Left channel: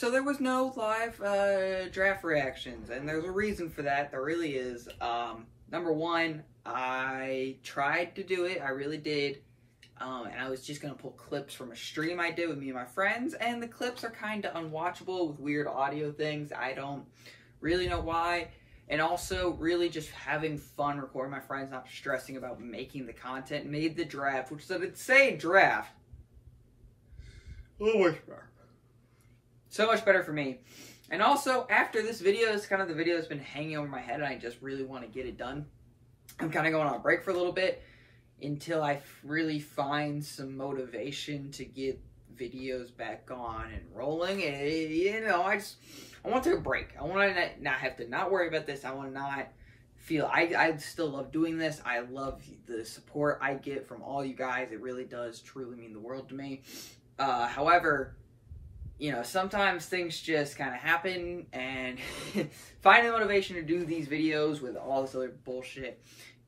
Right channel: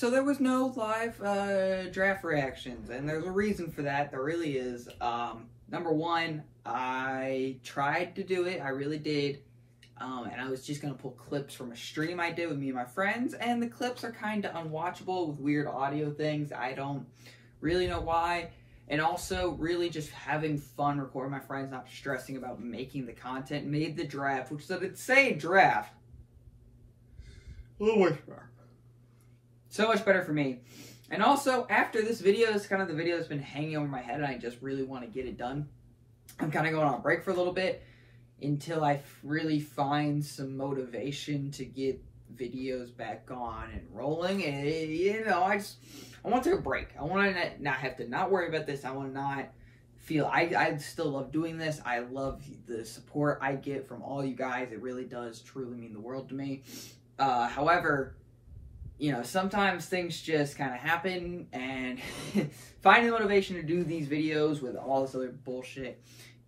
So there was no live draft reactions, and there's a reason for that. There really is. Number one, I tried to do it. I really did. And I was just going to pull clips from a stream I did with me and my friends, and the clips are kind of unwatchable with weird audio things. I don't really know why. And also, really just having fun recording my friends, not stressing about making the content, made the draft, which said it's say draft. So much better for me. And also, after this video, is kind of the video that's been hanging over my head, and I just really want to get it done. I'm kind of going on a break for a little bit until I really find some motivation to get videos back on and rolling. And, you know, I want to take a break. I want to not have to not worry about this. I want to not feel, I still love doing this. I love the support I get from all you guys. It really does truly mean the world to me. However, you know, sometimes things just kind of happen, and finding the motivation to do these videos with all this other bullshit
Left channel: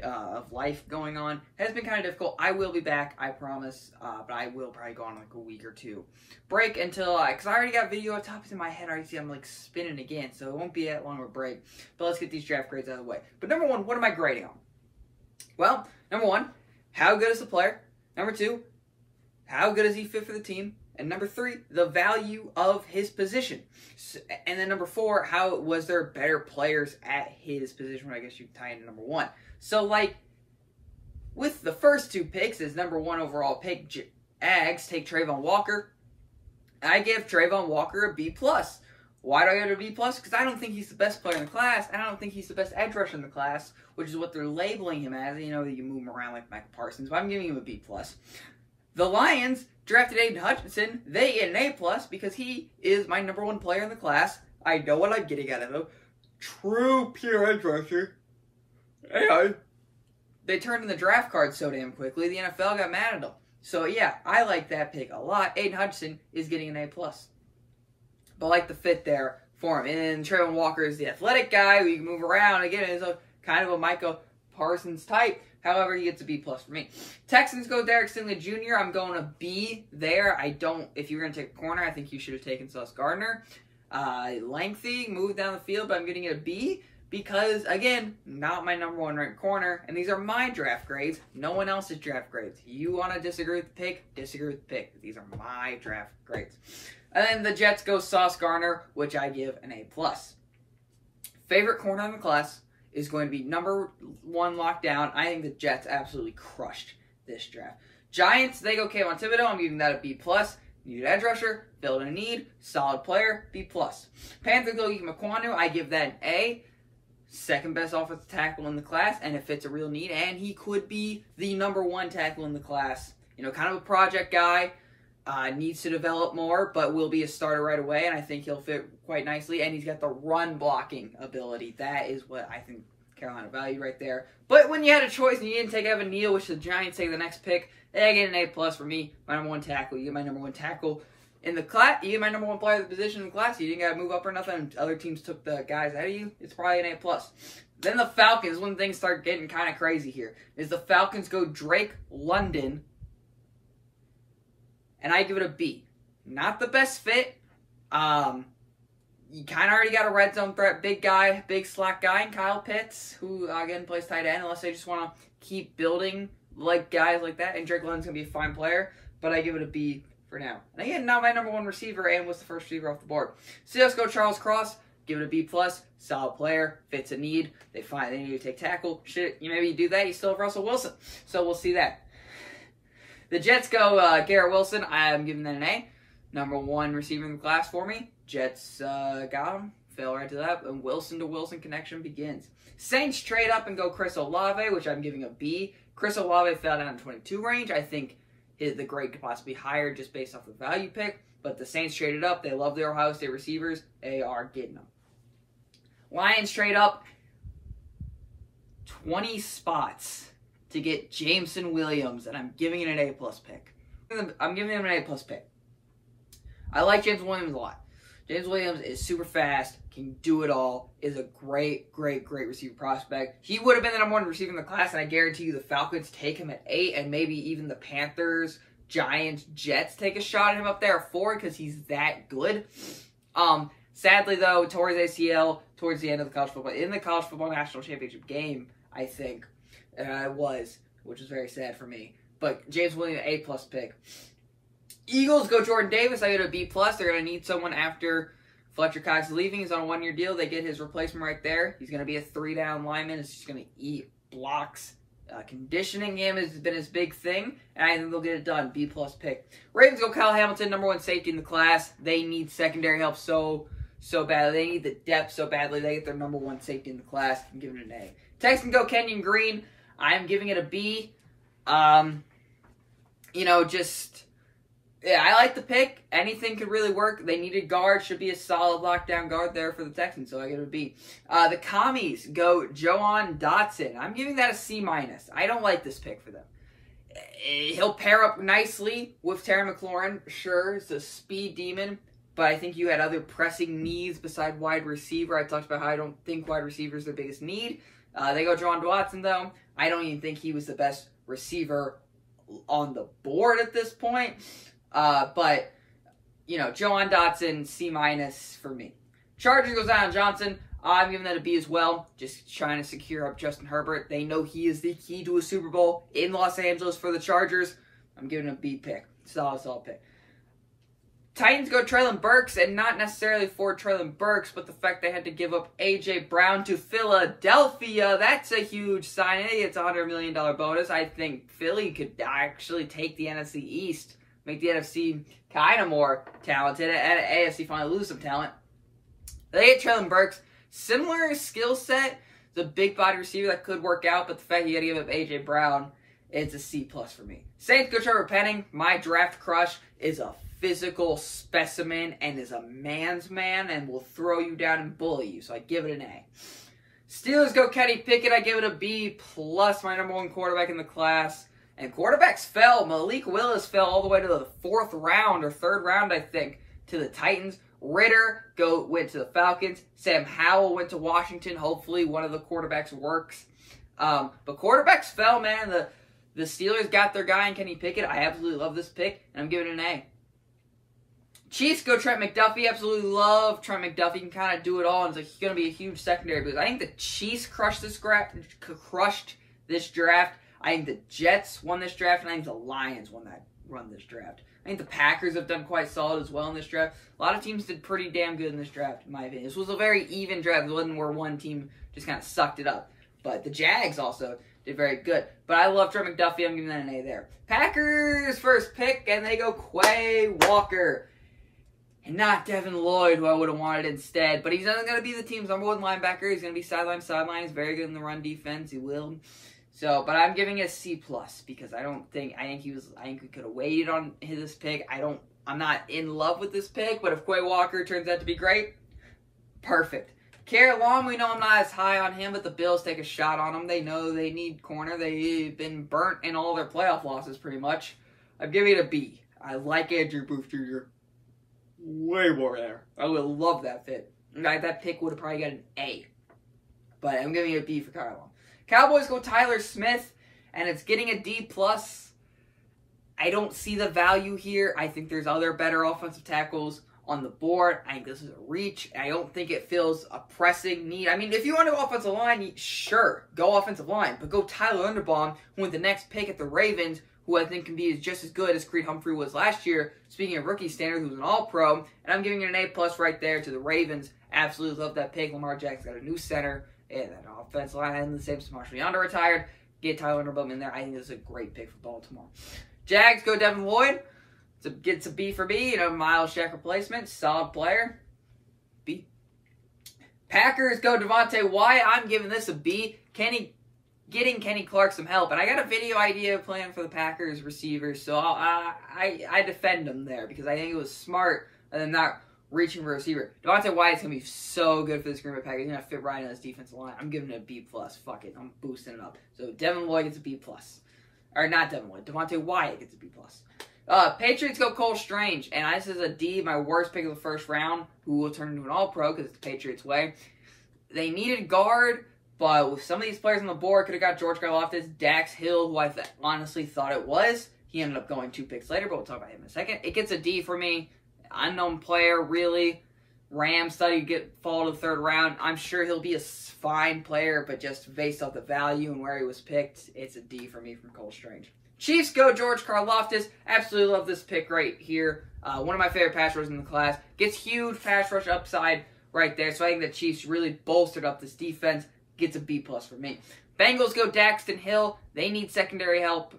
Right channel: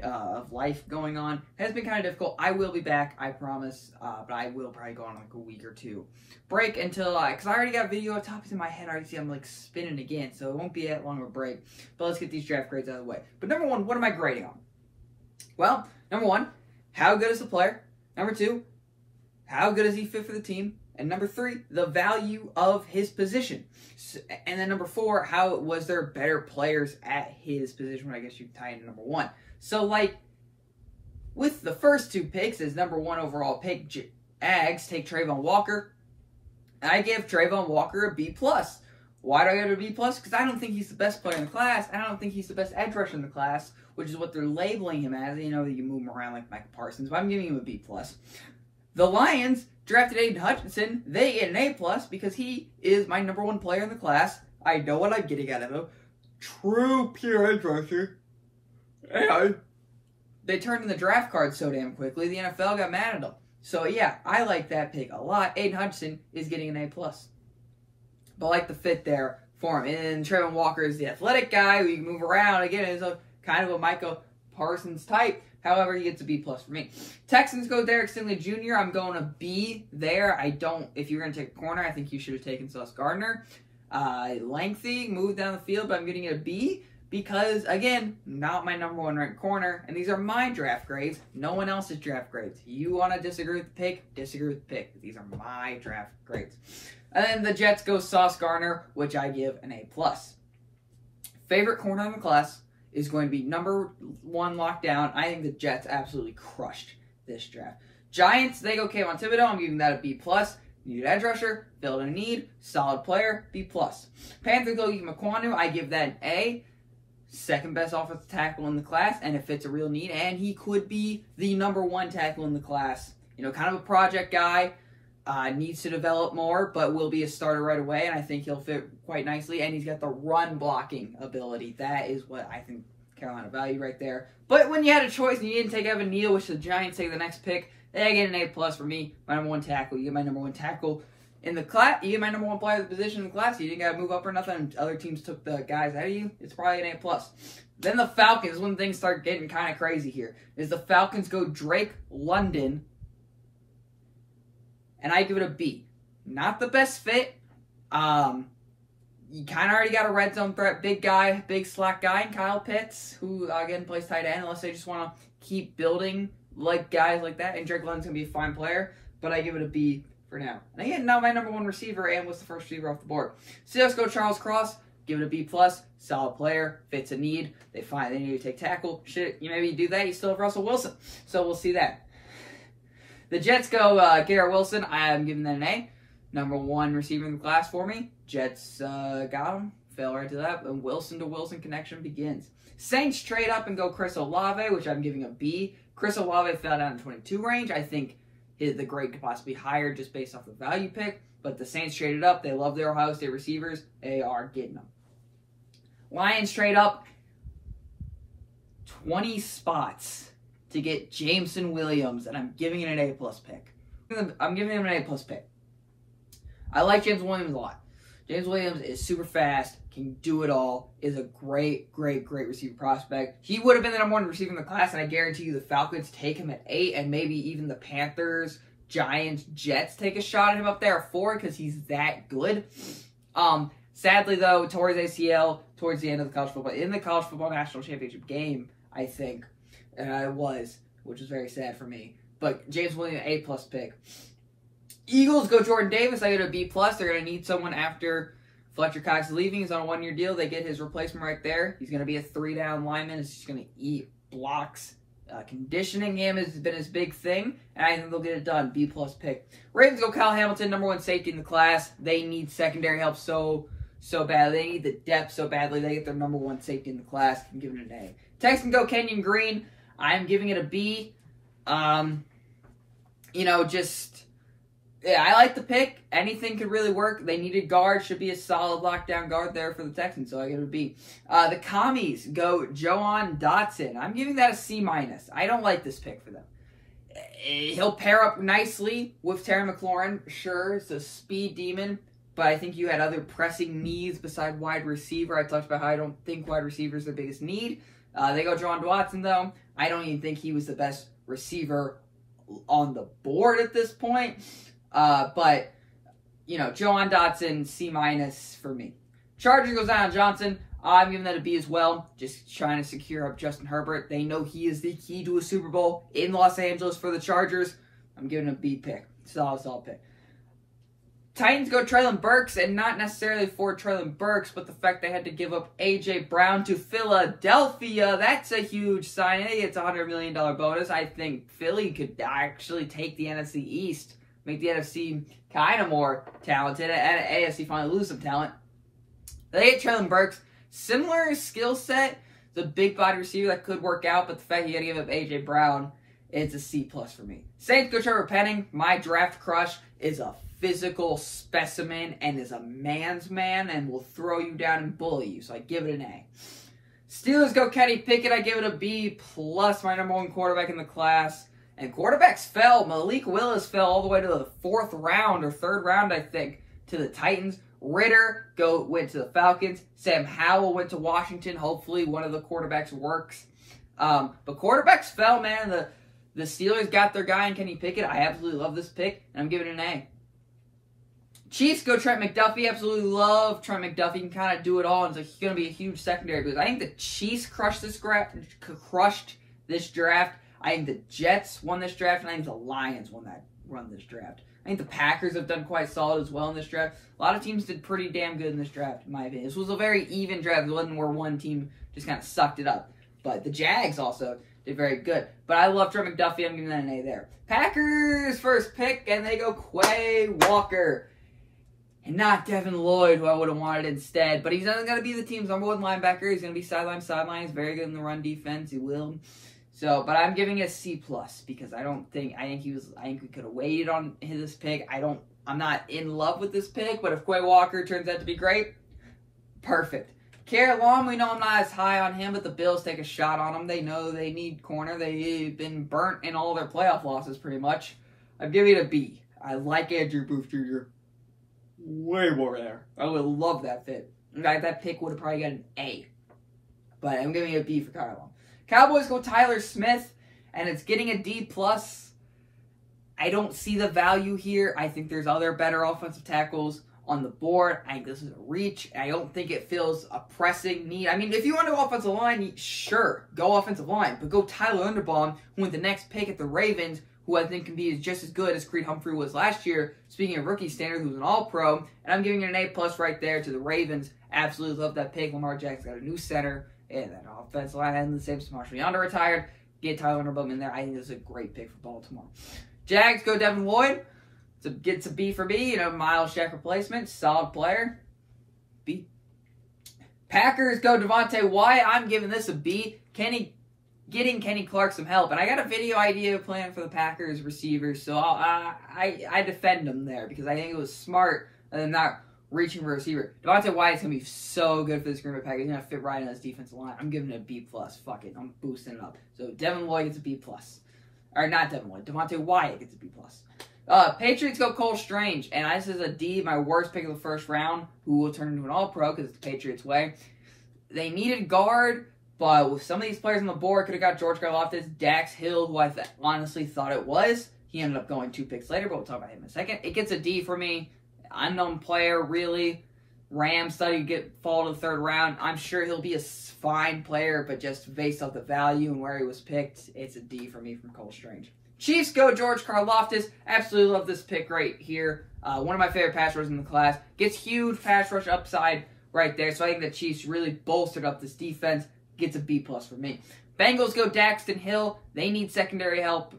of life going on has been kind of difficult. I will be back, I promise, but I will probably go on like a week or two break until because I already got video topics in my head. I already see I'm like spinning again, so it won't be that long of a break. But let's get these draft grades out of the way. But number one, what am I grading on? Well, number one, how good is the player? Number two, how good does he fit for the team? And number three, the value of his position. And then number four, how was there better players at his position? I guess you tie into number one. So, like, with the first two picks as number one overall pick, Ags take Travon Walker. I give Travon Walker a B+. Why do I give it a B+? Because I don't think he's the best player in the class, and I don't think he's the best edge rusher in the class, which is what they're labeling him as. You know, you move him around like Michael Parsons, but I'm giving him a B+. The Lions drafted Aiden Hutchinson. They get an A+ because he is my number one player in the class. I know what I'm getting out of him. True pure edge rusher. And they turned in the draft card so damn quickly, the NFL got mad at them. So yeah, I like that pick a lot. Aiden Hutchinson is getting an A+. But I like the fit there for him. And Travon Walker is the athletic guy who you can move around. Again, is a kind of a Michael Parsons type. However, he gets a B+ for me. Texans go Derek Stingley Jr. I'm going a B there. If you were going to take a corner, I think you should have taken Sauce Gardner. Lengthy, moved down the field, but I'm getting it a B because, again, not my number one ranked corner. And these are my draft grades, no one else's draft grades. You want to disagree with the pick? Disagree with the pick. These are my draft grades. And then the Jets go Sauce Gardner, which I give an A+. Favorite corner in the class is going to be number one lockdown. I think the Jets absolutely crushed this draft. Giants, they go Kayvon Thibodeaux. I'm giving that a B+. Needed edge rusher, filled a need, solid player, B+. Panthers go Ikem Ekwonu. I give that an A. Second best offensive tackle in the class, and it fits a real need. And he could be the number one tackle in the class. You know, kind of a project guy. Needs to develop more, but will be a starter right away, and I think he'll fit quite nicely. And he's got the run blocking ability. That is what I think Carolina value right there. But when you had a choice and you didn't take Evan Neal, which the Giants take the next pick, they get an A+ for me. My number one tackle. You get my number one tackle in the class. You get my number one player of the position in the class. You didn't got to move up or nothing. Other teams took the guys out of you. It's probably an A+. Then the Falcons, when things start getting kind of crazy here, is the Falcons go Drake London. And I give it a B. Not the best fit. You kind of already got a red zone threat, big guy, big slack guy, and Kyle Pitts, who, again, plays tight end, unless they just want to keep building like guys like that. And Drake London's going to be a fine player, but I give it a B for now. And again, not my number one receiver, and was the first receiver off the board. Seahawks go Charles Cross, give it a B+, solid player, fits a need. They need to take tackle. Shit, maybe you do that, you still have Russell Wilson. So we'll see that. The Jets go Garrett Wilson. I am giving that an A. Number one receiver in the class for me. Jets got him. Fell right to that. And Wilson to Wilson connection begins. Saints trade up and go Chris Olave, which I'm giving a B. Chris Olave fell down in 22 range. I think the grade could possibly be higher just based off the value pick. But the Saints traded up. They love their Ohio State receivers. They are getting them. Lions trade up 20 spots to get Jameson Williams, and I'm giving it an A+ pick. I'm giving him an A+ pick. I like James Williams a lot. James Williams is super fast, can do it all, is a great, great, great receiver prospect. He would have been the number one receiver in the class, and I guarantee you the Falcons take him at 8, and maybe even the Panthers, Giants, Jets take a shot at him up there at 4 because he's that good. Sadly, though, tore his ACL towards the end of the college football. In the college football national championship game, I think, which was very sad for me. But James Williams, A+ pick. Eagles go Jordan Davis. I get a B+. They're going to need someone after Fletcher Cox is leaving. He's on a 1-year deal. They get his replacement right there. He's going to be a 3-down lineman. He's just going to eat blocks. Conditioning him has been his big thing, and I think they'll get it done. B+ pick. Ravens go Kyle Hamilton, number 1 safety in the class. They need secondary help so badly. They need the depth so badly. They get their number 1 safety in the class. I'm giving it an A. Texans go Kenyon Green. I'm giving it a B. Yeah, I like the pick. Anything could really work. They needed guard. Should be a solid lockdown guard there for the Texans, so I give it a B. The Commies go Jahan Dotson. I'm giving that a C-. I don't like this pick for them. He'll pair up nicely with Terry McLaurin. Sure, it's a speed demon, but I think you had other pressing needs beside wide receiver. I talked about how I don't think wide receiver is their biggest need. They go Jahan Dotson, though. I don't even think he was the best receiver on the board at this point. But, Jahan Dotson, C- for me. Chargers goes Zion Johnson. I'm giving that a B as well. Just trying to secure up Justin Herbert. They know he is the key to a Super Bowl in Los Angeles for the Chargers. I'm giving a B pick. Solid pick. Titans go Treylon Burks, and not necessarily for Treylon Burks, but the fact they had to give up A.J. Brown to Philadelphia. That's a huge signing. It's a $100 million bonus. I think Philly could actually take the NFC East, make the NFC kind of more talented, and AFC finally lose some talent. They get Treylon Burks. Similar skill set. The big body receiver that could work out, but the fact you got to give up A.J. Brown, it's a C+ for me. Saints go Trevor Penning. My draft crush is a physical specimen and is a man's man and will throw you down and bully you, so I give it an A. Steelers go Kenny Pickett. I give it a B+, my number 1 quarterback in the class. And quarterbacks fell. Malik Willis fell all the way to the 4th round or 3rd round, I think, to the Titans. Ritter went to the Falcons. Sam Howell went to Washington. Hopefully one of the quarterbacks works. But quarterbacks fell, man. The Steelers got their guy in Kenny Pickett. I absolutely love this pick, and I'm giving it an A. Chiefs go Trent McDuffie. Absolutely love Trent McDuffie. He can kind of do it all. And it's going to be a huge secondary boost. I think the Chiefs crushed this draft. I think the Jets won this draft, and I think the Lions run this draft. I think the Packers have done quite solid as well in this draft. A lot of teams did pretty damn good in this draft, in my opinion. This was a very even draft. It wasn't where one team just kind of sucked it up. But the Jags also did very good. But I love Trent McDuffie. I'm giving that an A there. Packers first pick, and they go Quay Walker. And not Devin Lloyd, who I would have wanted instead. But he's not going to be the team's number 1 linebacker. He's going to be sideline. He's very good in the run defense. He will. So, but I'm giving it a C+ because I think we could have waited on this pick. I'm not in love with this pick, but if Quay Walker turns out to be great, perfect. Karen Long, we know I'm not as high on him, but the Bills take a shot on him. They know they need corner. They've been burnt in all their playoff losses pretty much. I'm giving it a B. I like Andrew Booth Jr. way more there. I would love that fit. That pick would have probably got an A. But I'm giving it a B for Kyle Long. Cowboys go Tyler Smith, and it's getting a D+. I don't see the value here. I think there's other better offensive tackles on the board. I think this is a reach. I don't think it fills a pressing need. I mean, if you want to go offensive line, sure, go offensive line. But go Tyler Linderbaum, who with the next pick at the Ravens, who I think can be just as good as Creed Humphrey was last year. Speaking of rookie standard, who's an all-pro. And I'm giving it an A+ right there to the Ravens. Absolutely love that pick. Lamar Jackson got a new center. And that offensive line hasn't the same as Marshall Yonder retired. Get Tyler Linderbaum in there. I think this is a great pick for Baltimore. Jags go Devin Lloyd. Gets a B for B. Miles Jack replacement. Solid player. B. Packers go Devontae Wyatt. I'm giving this a B. Getting Kenny Clark some help. And I got a video idea plan for the Packers receivers. So I defend them there because I think it was smart and not reaching for a receiver. Devontae Wyatt's going to be so good for this Green Bay Packers. He's going to fit right in this defensive line. I'm giving it a B+. Fuck it. I'm boosting it up. So Devin Lloyd gets a B+. Or not Devin Lloyd. Devontae Wyatt gets a B+. Patriots go Cole Strange. And this is a D, my worst pick of the first round, who will turn into an all-pro because it's the Patriots way. They needed guard, but with some of these players on the board, could have got George Karlaftis, Dax Hill, who I honestly thought it was. He ended up going 2 picks later, but we'll talk about him in a second. It gets a D for me. Unknown player, really. Rams thought he'd fall to the 3rd round. I'm sure he'll be a fine player, but just based off the value and where he was picked, it's a D for me from Cole Strange. Chiefs go George Karlaftis. Absolutely love this pick right here. One of my favorite pass rushers in the class. Gets huge pass rush upside right there. So I think the Chiefs really bolstered up this defense. Gets a B+ for me. Bengals go Daxton Hill. They need secondary help.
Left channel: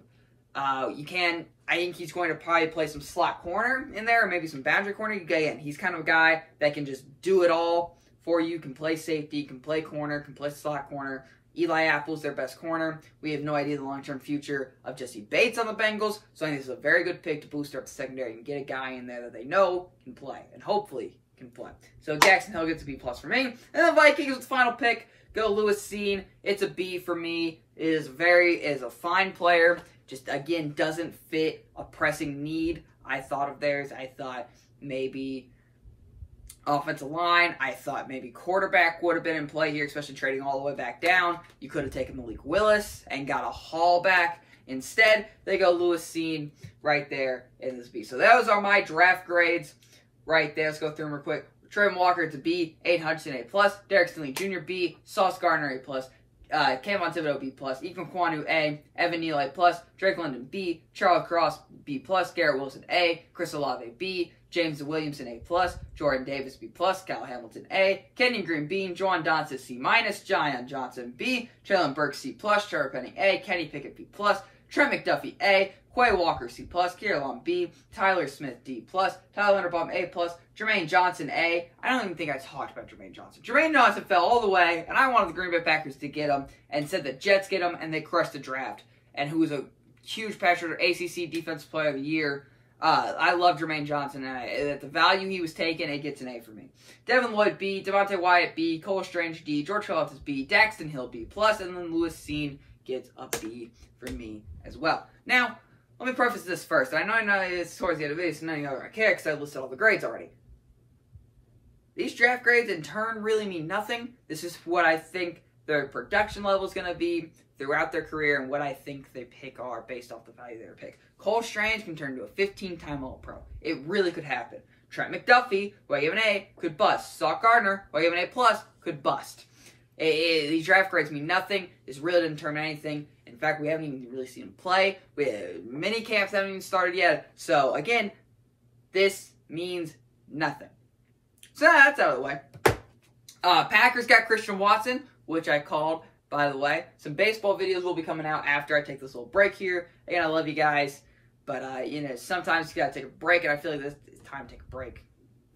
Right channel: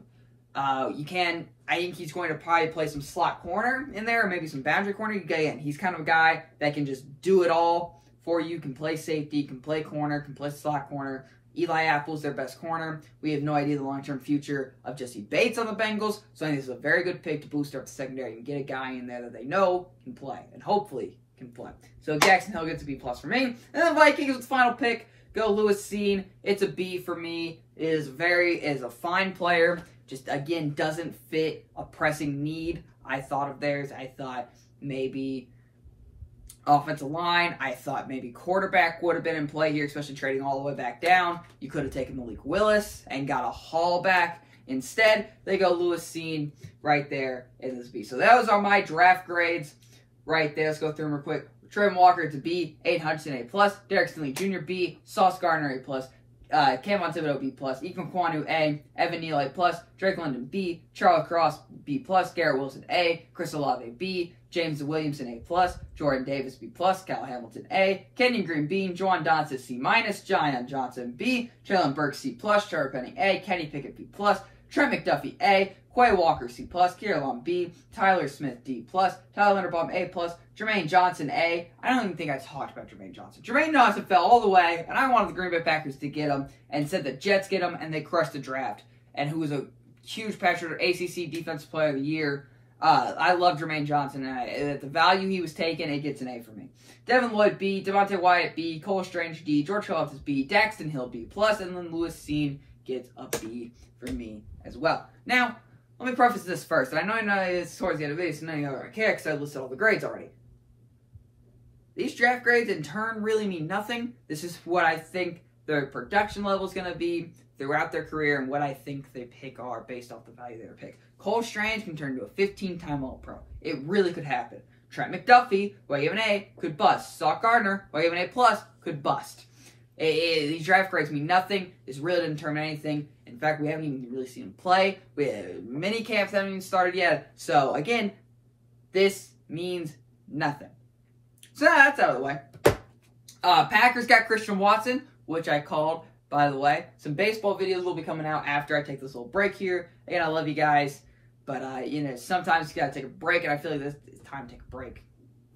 I think he's going to probably play some slot corner in there, or maybe some boundary corner. Again, he's kind of a guy that can just do it all for you. Can play safety, can play corner, can play slot corner. Eli Apple's their best corner. We have no idea the long-term future of Jesse Bates on the Bengals, so I think this is a very good pick to boost up the secondary and get a guy in there that they know can play, and hopefully can play. So Daxton Hill gets a B+ for me. And the Vikings with the final pick go Lewis Cine. It's a B for me. It is a fine player. Just, again, doesn't fit a pressing need I thought of theirs. I thought maybe offensive line. I thought maybe quarterback would have been in play here, especially trading all the way back down. You could have taken Malik Willis and got a haul back. Instead, they go Lewis Cine right there in this B. So those are my draft grades right there. Let's go through them real quick. Trayvon Walker, it's a B. Aiden Hutchinson, A+. Derek Stingley Jr., B. Sauce Gardner, A+. Kayvon Thibodeau, B+. Ethan Kwanu, A. Evan Neal, A+. Drake London, B. Charles Cross, B+. Garrett Wilson, A. Chris Olave, B. James Williamson, A+. Jordan Davis, B+. Kyle Hamilton, A. Kenyon Green, B. Juwan Johnson, C-. Zion Johnson, B. Traylon Burks, C+. Trevor Penning, A. Kenny Pickett, B+. Trent McDuffie, A. Quay Walker, C+. Kierlon, B. Tyler Smith, D+. Tyler Linderbaum, A+. Jermaine Johnson, A. I don't even think I talked about Jermaine Johnson. Jermaine Johnson fell all the way, and I wanted the Green Bay Packers to get him, and said the Jets get him, and they crushed the draft. And who was a huge pass rusher, ACC Defensive Player of the Year. I love Jermaine Johnson, and at the value he was taking, it gets an A for me. Devin Lloyd, B. Devontae Wyatt, B. Cole Strange, D. George Karlaftis, B. Daxton Hill, B+. And then Lewis Cine gets a B for me as well. Now, let me preface this first. And I know it's towards the end of the video, so none of you I care because I listed all the grades already. These draft grades, in turn, really mean nothing. This is what I think their production level is going to be throughout their career and what I think they pick are based off the value they were picked. Cole Strange can turn into a 15-time All-Pro. It really could happen. Trent McDuffie, who I give an A, could bust. Sauce Gardner, who I give an A+, could bust. These draft grades mean nothing. This really didn't determine anything. In fact, we haven't even really seen him play. Mini camps haven't even started yet. So, again, this means nothing. So that's out of the way. Packers got Christian Watson, which I called, by the way. Some baseball videos will be coming out after I take this little break here. Again, I love you guys. But, sometimes you got to take a break, and I feel like this is time to take a break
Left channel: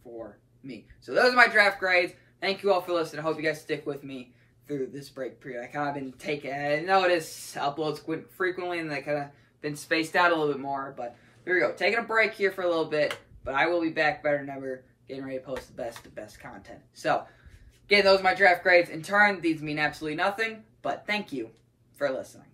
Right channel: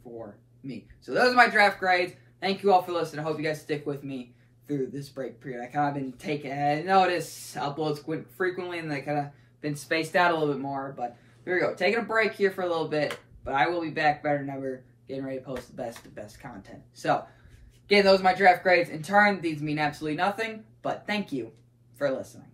for me. So those are my draft grades. Thank you all for listening. I hope you guys stick with me through this break period. I kind of been I notice uploads frequently, and they kind of been spaced out a little bit more. But here we go. Taking a break here for a little bit. But I will be back better than ever, getting ready to post the best content. So, again, those are my draft grades. In turn, these mean absolutely nothing. But thank you for listening.